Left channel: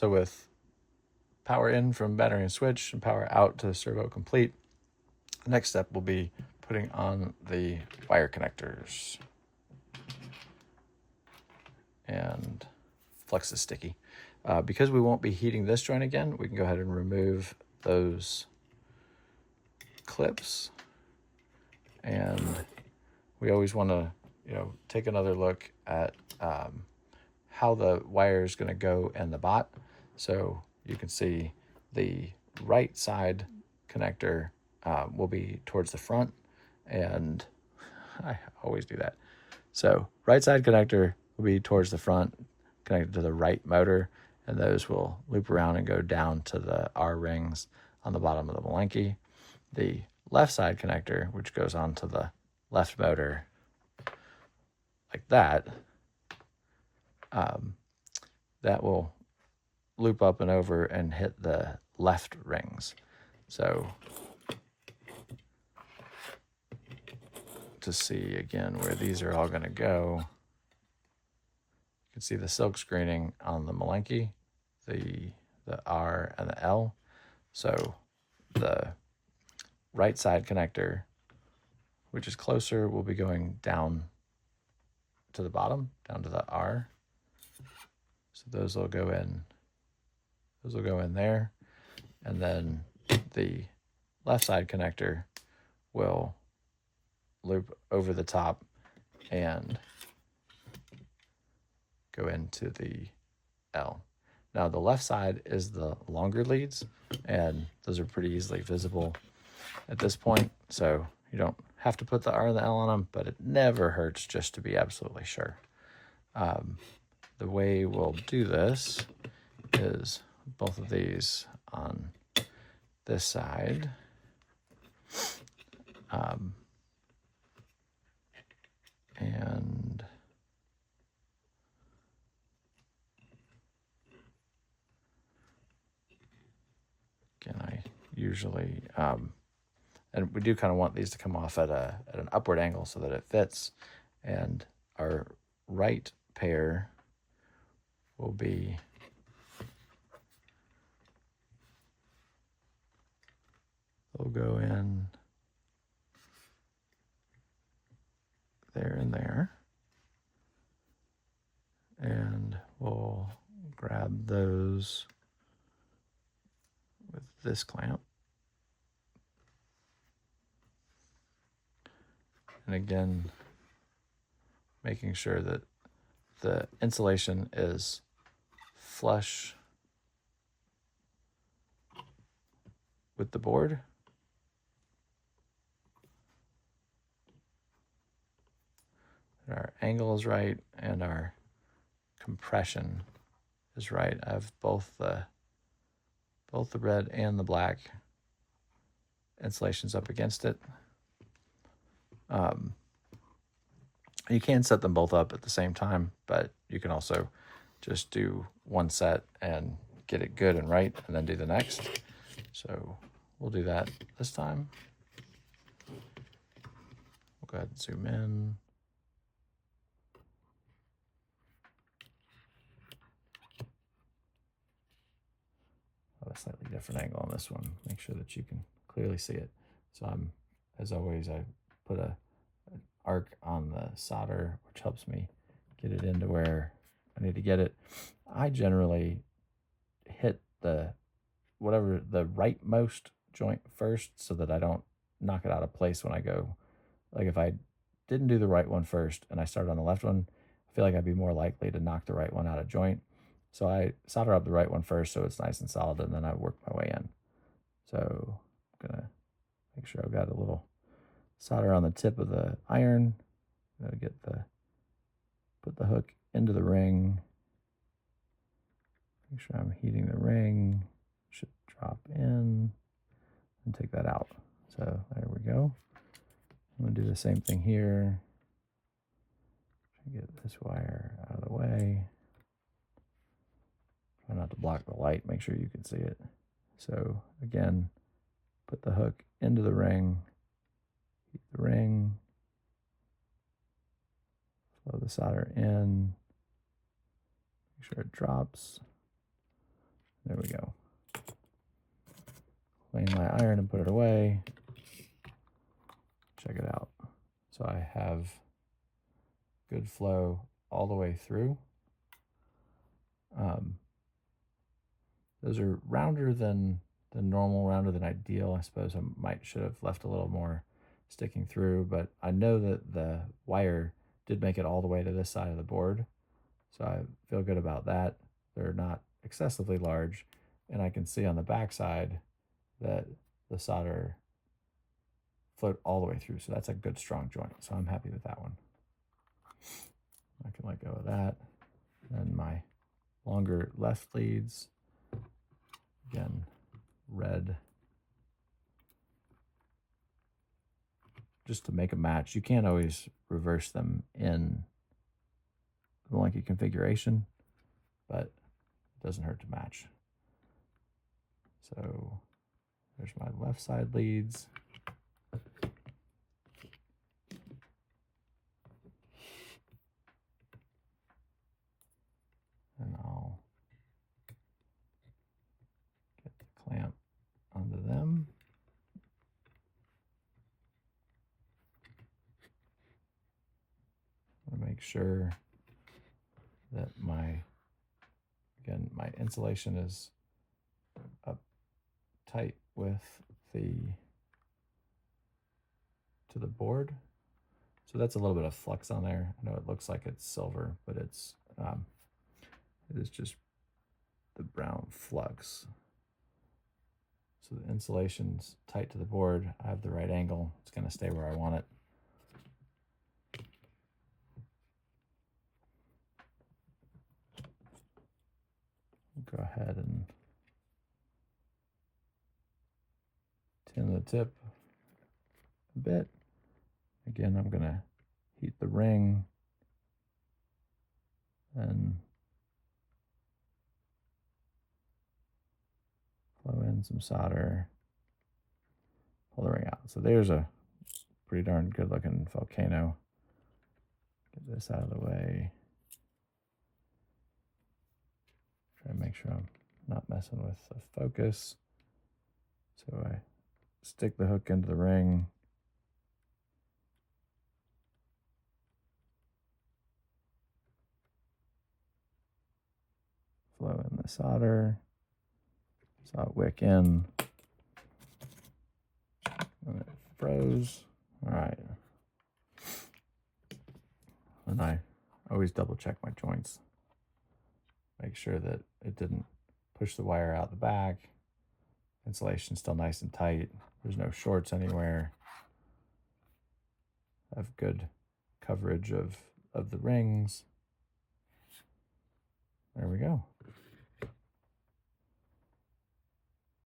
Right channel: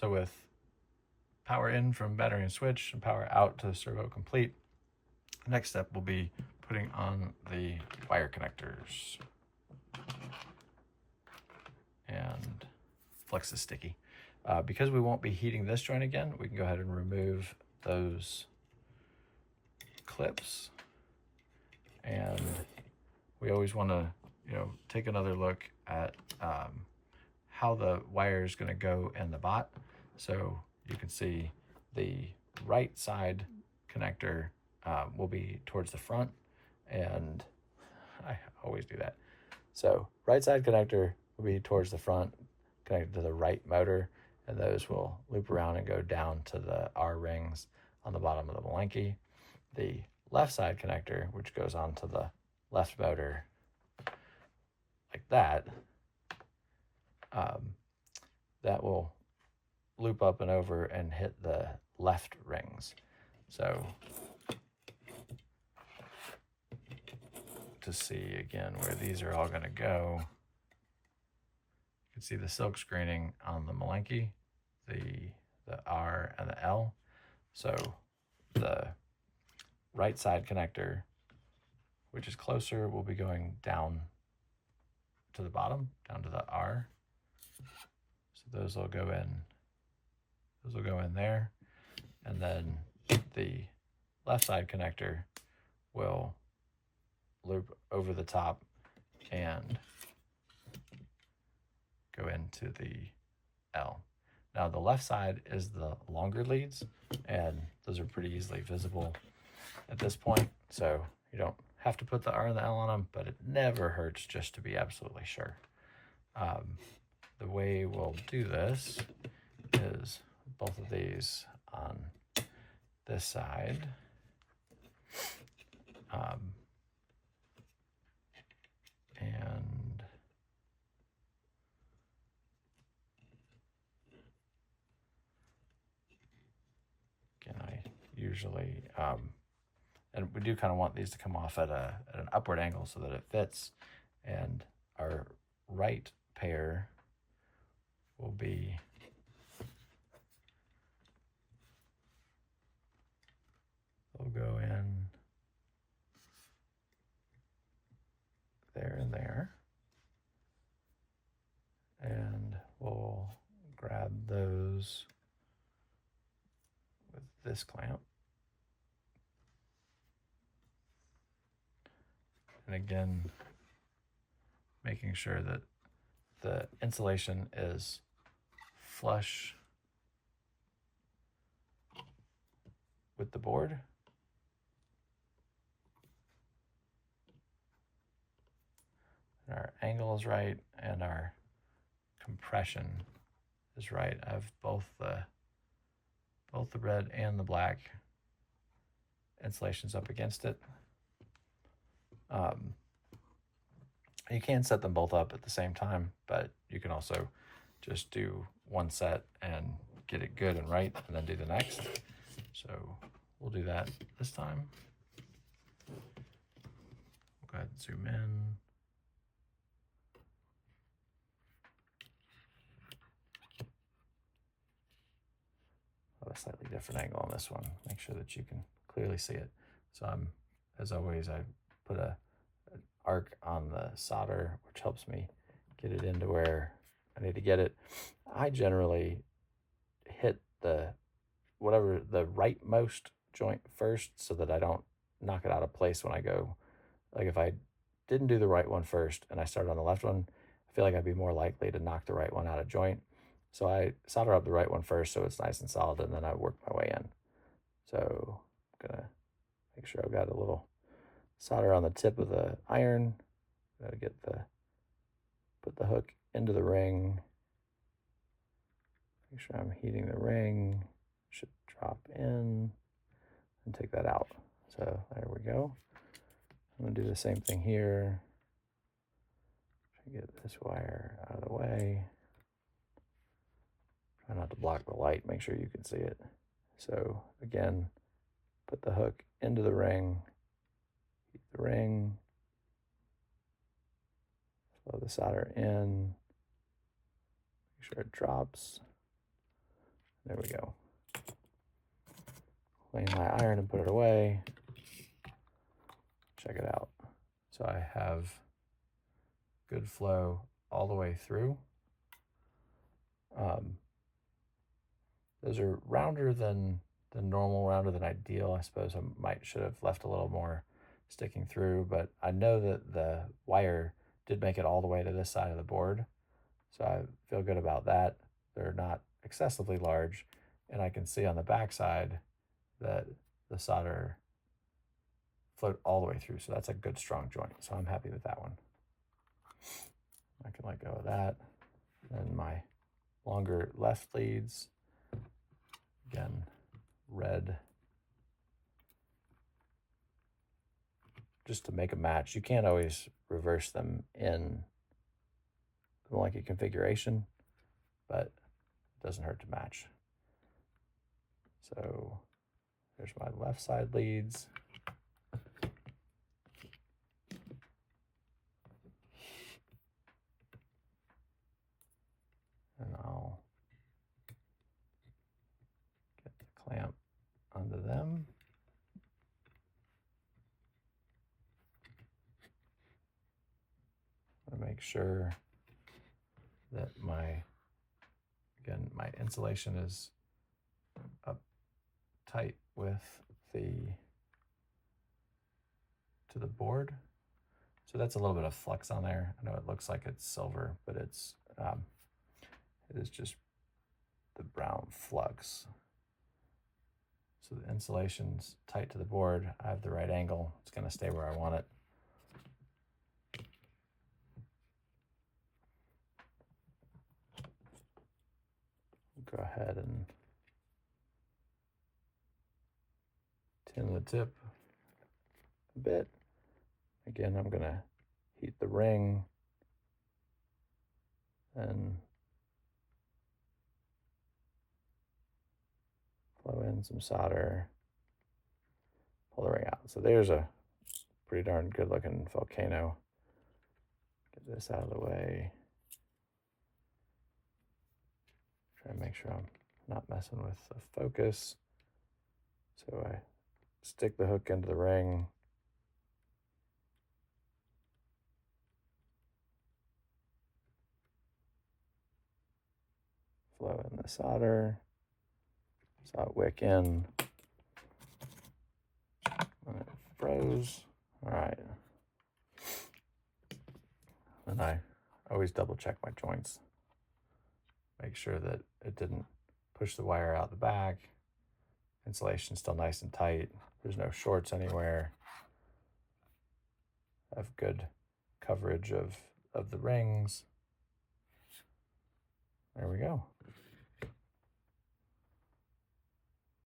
So with power in from battery and switch and power out to the servo complete, the next step will be putting on the wire connectors. And flex is sticky. Because we won't be heating this joint again, we can go ahead and remove those clips. And we always want to, take another look at how the wire is going to go in the bot. So you can see the right side connector will be towards the front, and I always do that. So right side connector will be towards the front, connected to the right motor, and those will loop around and go down to the R rings on the bottom of the Malenki. The left side connector, which goes onto the left motor like that, that will loop up and over and hit the left rings. So to see again where these are all going to go, you can see the silk screening on the Malenki, the R and the L. So the right side connector, which is closer, will be going down to the bottom, down to the R. So those will go in. Those will go in there, and then the left side connector will loop over the top and go into the L. Now the left side is the longer leads, and those are pretty easily visible at this point, so you don't have to put the R and the L on them, but it never hurts just to be absolutely sure. The way we'll do this is both of these on this side. And again, I usually, and we do kind of want these to come off at an upward angle so that it fits. And our right pair will be they'll go in there and there, and we'll grab those with this clamp. And again, making sure that the insulation is flush with the board. Our angle is right and our compression is right. I have both the red and the black insulations up against it. You can set them both up at the same time, but you can also just do one set and get it good and right, and then do the next. So we'll do that this time. We'll go ahead and zoom in. A slightly different angle on this one. Make sure that you can clearly see it. So as always, I put an arc on the solder, which helps me get it into where I need to get it. I generally hit the rightmost joint first so that I don't knock it out of place when I go. Like if I didn't do the right one first and I started on the left one, I feel like I'd be more likely to knock the right one out of joint. So I solder up the right one first so it's nice and solid, and then I work my way in. So I'm gonna make sure I've got a little solder on the tip of the iron. I'm gonna put the hook into the ring. Make sure I'm heating the ring. Should drop in and take that out. So there we go. I'm gonna do the same thing here. Try to get this wire out of the way. Try not to block the light, make sure you can see it. So again, put the hook into the ring, heat the ring, flow the solder in, make sure it drops, There we go. Clean my iron and put it away. Check it out. So I have good flow all the way through. Those are rounder than normal, rounder than ideal. I suppose I should have left a little more sticking through, but I know that the wire did make it all the way to this side of the board. So I feel good about that. They're not excessively large, and I can see on the back side that the solder flowed all the way through. So that's a good strong joint. So I'm happy with that one. I can let go of that. And my longer left leads, again, red, just to make a match. You can't always reverse them in the Malenki configuration, but it doesn't hurt to match. So there's my left side leads. And I'll get the clamp under them. I make sure that my insulation is up tight with to the board. So that's a little bit of flux on there. I know it looks like it's silver, but it is just the brown flux. So the insulation's tight to the board. I have the right angle. It's going to stay where I want it. Go ahead and tin the tip a bit. Again, I'm going to heat the ring and flow in some solder, pull the ring out. So there's a pretty darn good looking volcano. Get this out of the way. Try and make sure I'm not messing with the focus. So I stick the hook into the ring. Flow in the solder. Saw it wick in. And it froze. All right. And I always double check my joints. Make sure that it didn't push the wire out the back. Insulation's still nice and tight. There's no shorts anywhere. I have good coverage of the rings.